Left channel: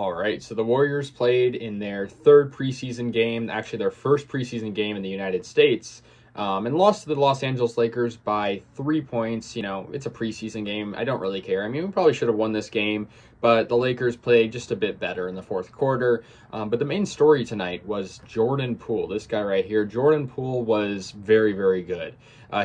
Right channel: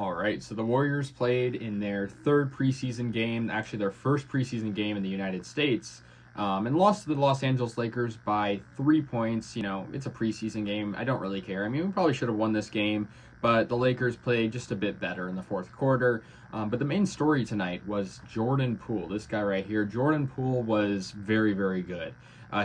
All right, so the Warriors played in their third preseason game, actually their first preseason game in the United States, and lost to the Los Angeles Lakers by 3 points. You know, it's a preseason game. I don't really care. I mean, we probably should have won this game, but the Lakers played just a bit better in the fourth quarter. But the main story tonight was Jordan Poole, this guy right here. Jordan Poole was very, very good.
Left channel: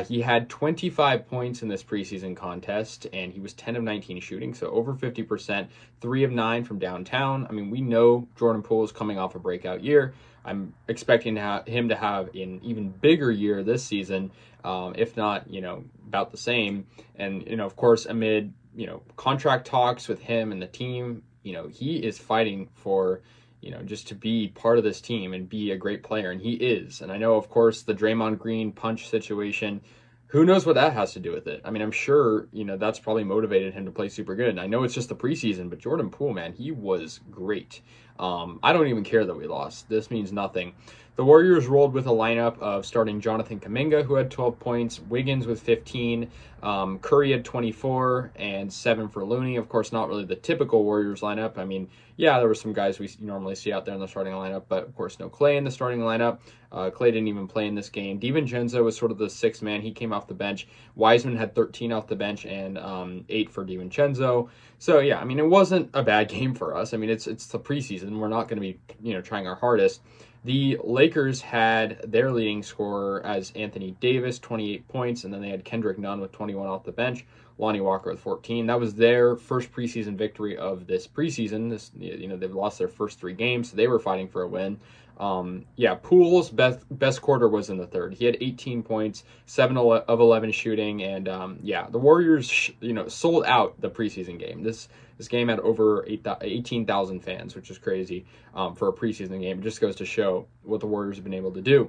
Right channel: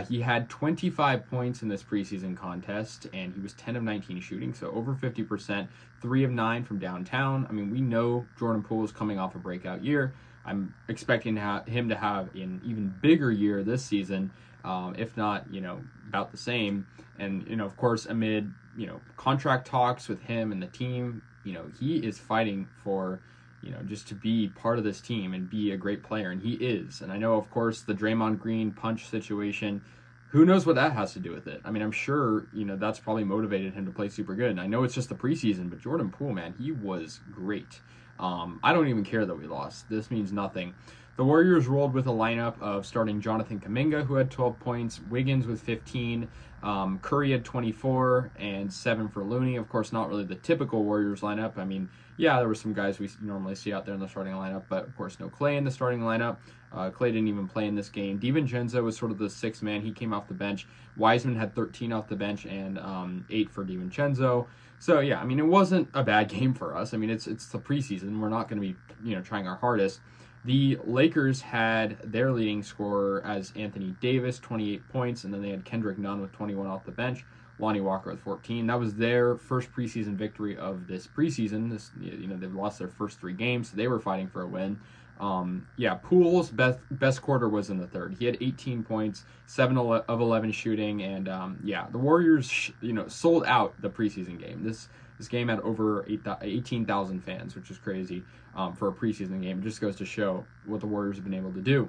He had 25 points in this preseason contest, and he was 10 of 19 shooting, so over 50%, 3 of 9 from downtown. I mean, we know Jordan Poole is coming off a breakout year. I'm expecting him to have an even bigger year this season, if not, about the same. And, of course, amid, contract talks with him and the team, he is fighting for, just to be part of this team and be a great player, and he is. And I know, of course, the Draymond Green punch situation, who knows what that has to do with it? I mean, I'm sure, that's probably motivated him to play super good. And I know it's just the preseason, but Jordan Poole, man, he was great. I don't even care that we lost. This means nothing. The Warriors rolled with a lineup of starting Jonathan Kuminga, who had 12 points, Wiggins with 15, Curry had 24, and 7 for Looney. Of course, not really the typical Warriors lineup. I mean, yeah, there were some guys we normally see out there in the starting lineup, but of course, no Klay in the starting lineup. Klay didn't even play in this game. DiVincenzo was sort of the sixth man. He came off the bench. Wiseman had 13 off the bench and 8 for DiVincenzo. So, yeah, I mean, it wasn't a bad game for us. I mean, it's the preseason. We're not going to be, trying our hardest. The Lakers had their leading scorer as Anthony Davis, 28 points, and then they had Kendrick Nunn with 21 off the bench, Lonnie Walker with 14. That was their first preseason victory of this preseason. They've lost their first 3 games, so they were fighting for a win. Poole's best quarter was in the third. He had 18 points, 7 of 11 shooting, and the Warriors, sold out the preseason game. This game had over 18,000 fans, which is crazy for a preseason game. It just goes to show what the Warriors have been able to do.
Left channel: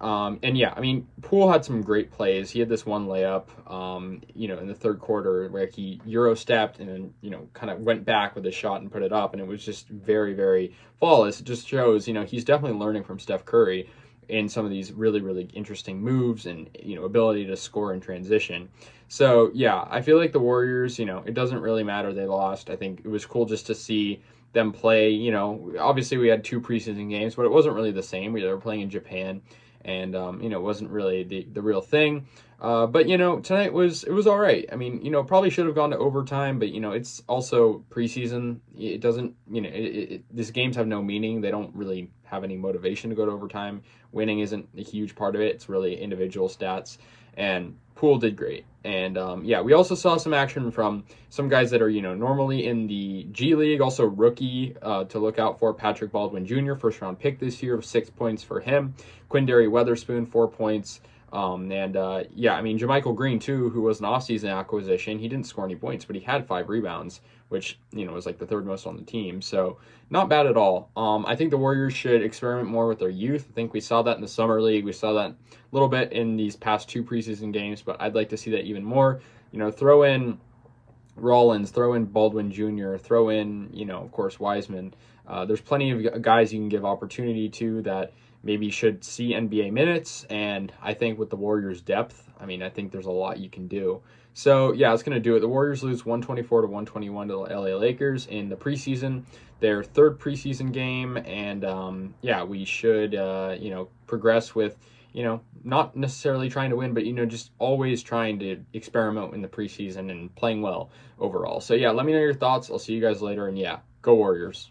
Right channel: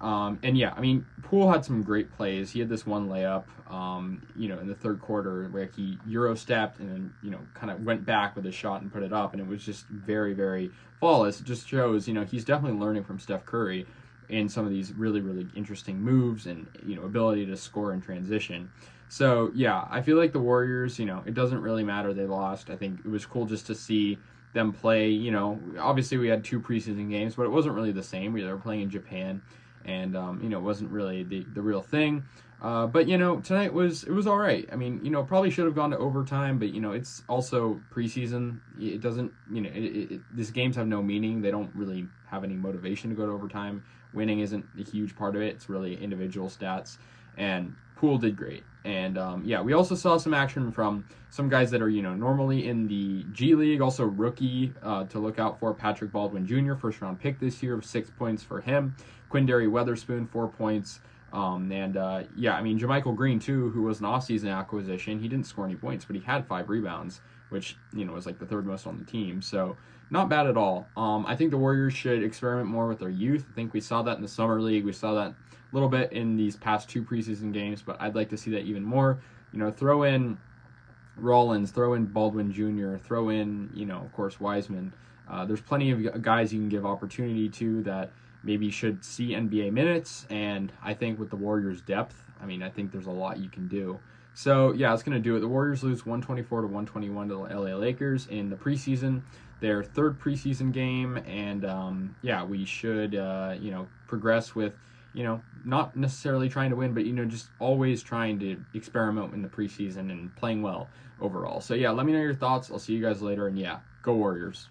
Poole had some great plays. He had this one layup, in the third quarter where he Euro stepped and then, kind of went back with a shot and put it up. And it was just very, very flawless. It just shows, he's definitely learning from Steph Curry in some of these really, really interesting moves and, ability to score in transition. So, yeah, I feel like the Warriors, it doesn't really matter they lost. I think it was cool just to see them play, obviously we had 2 preseason games, but it wasn't really the same. They were playing in Japan. And, it wasn't really the real thing. But, tonight it was all right. I mean, probably should have gone to overtime, but, it's also preseason. It doesn't, these games have no meaning. They don't really have any motivation to go to overtime. Winning isn't a huge part of it. It's really individual stats. And Poole did great. And, we also saw some action from some guys that are, normally in the G League. Also rookie to look out for, Patrick Baldwin Jr., first-round pick this year, 6 points for him. Quindary Weatherspoon, 4 points. JaMychal Green, too, who was an offseason acquisition. He didn't score any points, but he had 5 rebounds, which, was like the third most on the team. So not bad at all. I think the Warriors should experiment more with their youth. I think we saw that in the Summer League. We saw that a little bit in these past 2 preseason games, but I'd like to see that even more. Throw in Rollins, throw in Baldwin Jr., throw in, of course, Wiseman. There's plenty of guys you can give opportunity to that maybe should see NBA minutes, and I think with the Warriors' depth, I think there's a lot you can do. So, yeah, it's going to do it. The Warriors lose 124-121 to the LA Lakers in the preseason, their third preseason game, and, we should, progress with, not necessarily trying to win, but, just always trying to experiment in the preseason and playing well overall. So, yeah, let me know your thoughts. I'll see you guys later, and, yeah, go Warriors.